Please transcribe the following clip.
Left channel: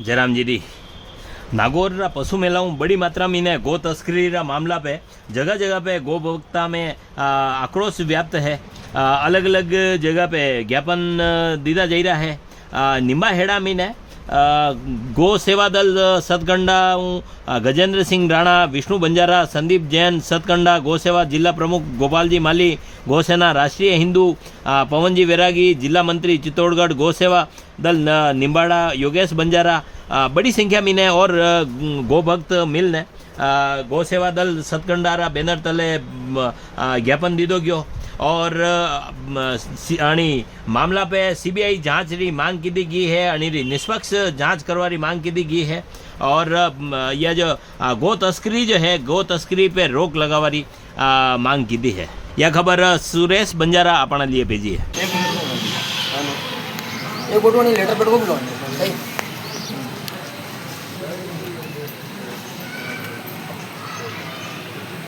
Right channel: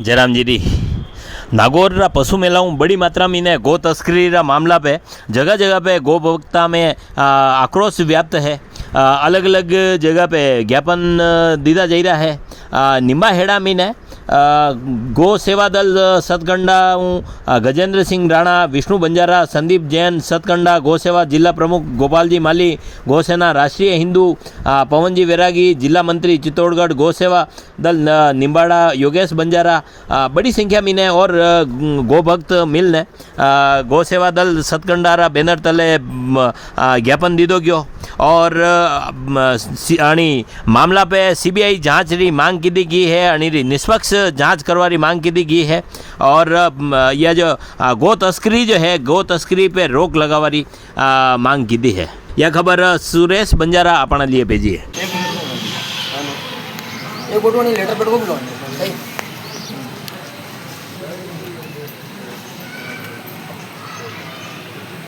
जयराम जी नागौर पशु मेलाओं बड़ी मात्रा में ने गो तस्करी मामला पे जगह जगह पे गो भोक्ता में आक्रोश व्याप्त है। अलग अलग जगह पे ज्ञापन दीदा जा रहा है। निम्बाहेड़ा में ने गो सेवा दल सतकंडा गजेंद्र सिंह राणा, विष्णु बंजारा, संदीप जैन सतकंडा गो सेवा जिला प्रमुख, गोपाल जी माली गौसेना राष्ट्रीय हिंदू, पवन जी वैरागी जिला मंत्री चित्तौड़गढ़ गो सेवा दल निम्बाड़ा, योगेश बंजारा, बड़ी संख्या में ने और गो भक्त मिल ने गो सेवा दल सतकंडारा बैनर तले ज्ञापन दीदो गयो और मामला पे सीबीआई जांच री मांग की गई है। अणी निष्पक्ष जांच करवारी मांग की गई है और यह जो गो तस्करी जो है गो तस्करी पे रोक लगावारी मांग की दी है। यह खबर सुरेश बंजारा अपना लिए भेजी है। एक लेटर